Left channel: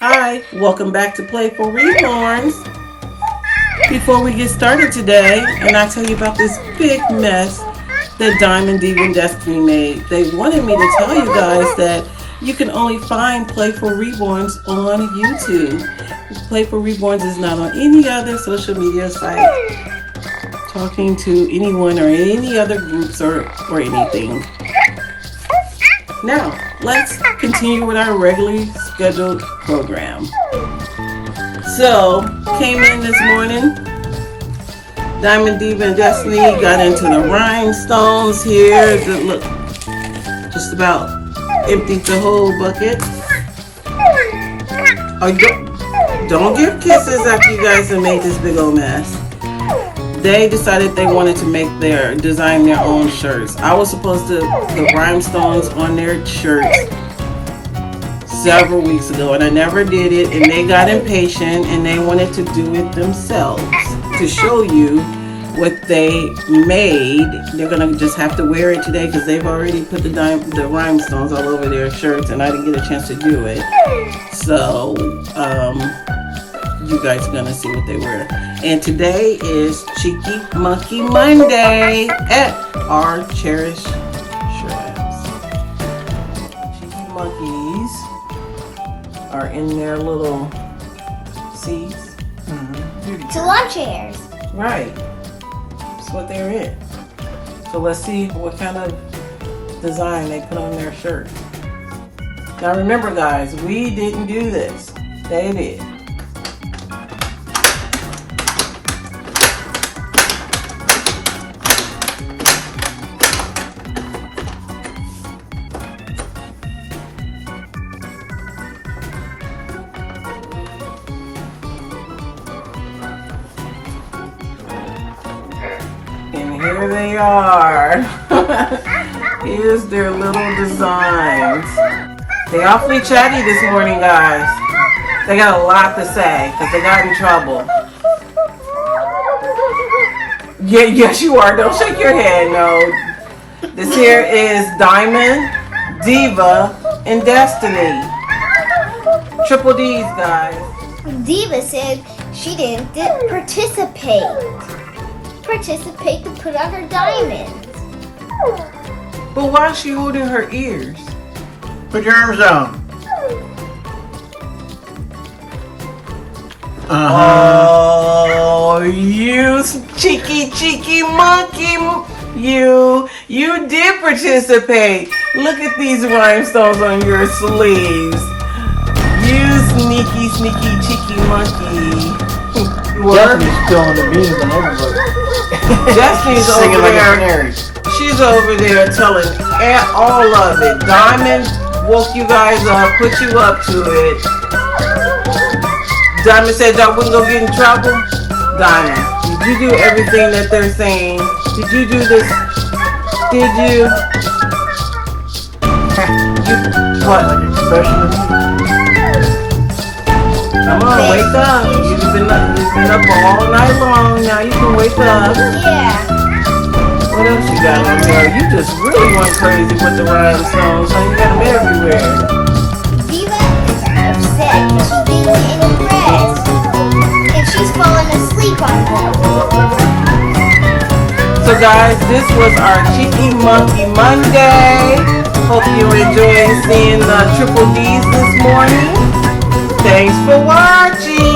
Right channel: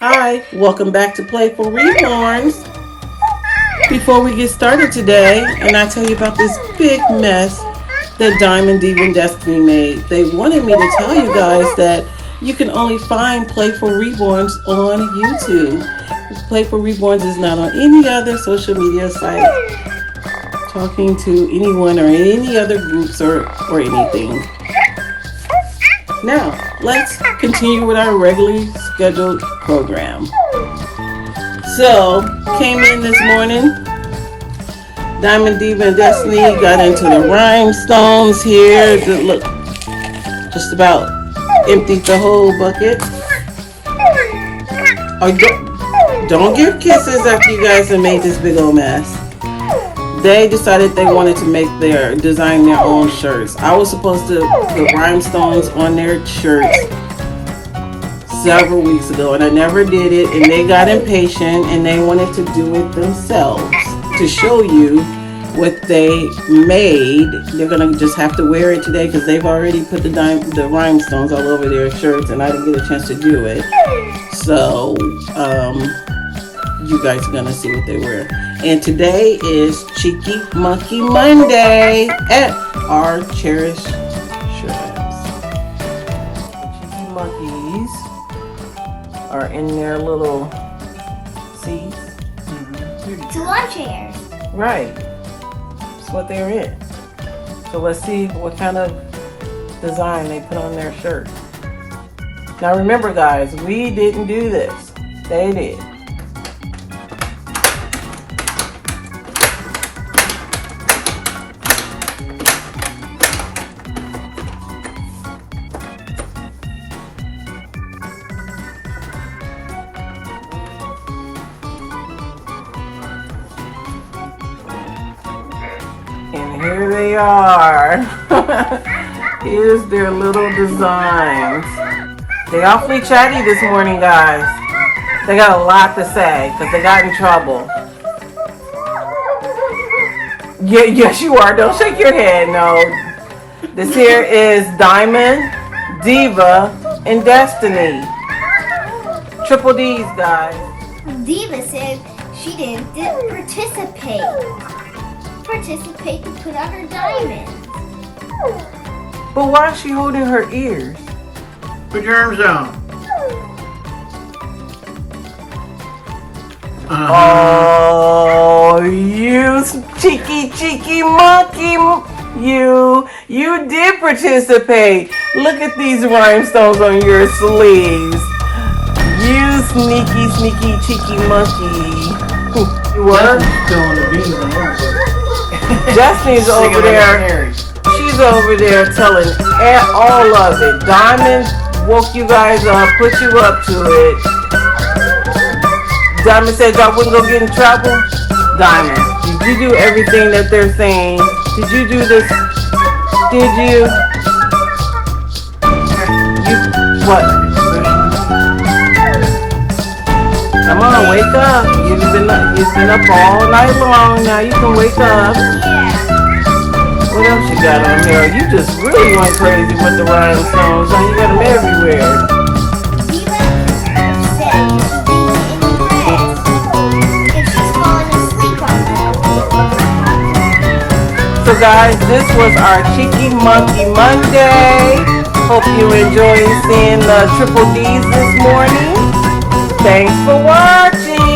Hi, welcome back to Playful Reborns. Before we get started today, and I tell you about this big mess that Diamond, Diva, and Destiny made, they wanted me to tell you guys that you can only find Playful Reborns on YouTube. Playful Reborns is not on any other social media site, talking to anyone or any other groups or anything. Now, let's continue with our regularly scheduled program. So, came in this morning. Diamond, Diva, and Destiny got into the rhinestones here. Look, just about emptied the whole bucket. Oh, don't give kisses after you guys have made this big old mess. They decided they wanted to design their own shirts. I was supposed to put rhinestones on their shirts several weeks ago, and I never did it, and they got impatient and they wanted to do it themselves. To show you what they made, they're gonna just have to wear it today because they've already put the rhinestones all over their shirts, and I didn't get a chance to do it. So you guys are gonna see what they wear. And today is Cheeky Monkey Monday at our Cherish Shrubs. Cheeky monkeys are in their little seats. It's lawn chairs. Right. That's what they're in. So let's see what kind of design they put on their shirt. Now remember guys, we didn't do this. They did. And here they are. Here's their little designs. They awfully chatty this morning, guys. They got a lot to say because they got in trouble. Yeah, yes you are. Don't shake your head, no. This here is Diamond, Diva, and Destiny. Triple D's, guys. Diva said she didn't participate to put on her diamonds. But why is she holding her ears? Put your arms out. Oh, you cheeky monkey. You did participate. Look at these rhinestones on your sleeves. You sneaky cheeky monkey. What? Spilling the beans on everybody. Destiny's over there. She's over there telling all of it. Diamond woke you guys up, put you up to it. Diamond said y'all wouldn't go get in trouble. Diamond, did you do everything that they're saying? Did you do this? Did you? Come on, wake up. You've been up all night long. Now you can wake up. Yeah. What else you got on there? You just really went crazy with the rhinestones. So you got them everywhere. Diva said she's being in a dress and she's falling asleep on her. So guys, this was our Cheeky Monkey Monday. Hope you enjoyed seeing the Triple D's this morning. Thanks for watching.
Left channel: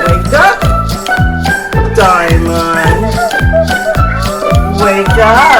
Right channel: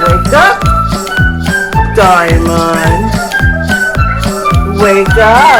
Wake up, Diamond. Wake up.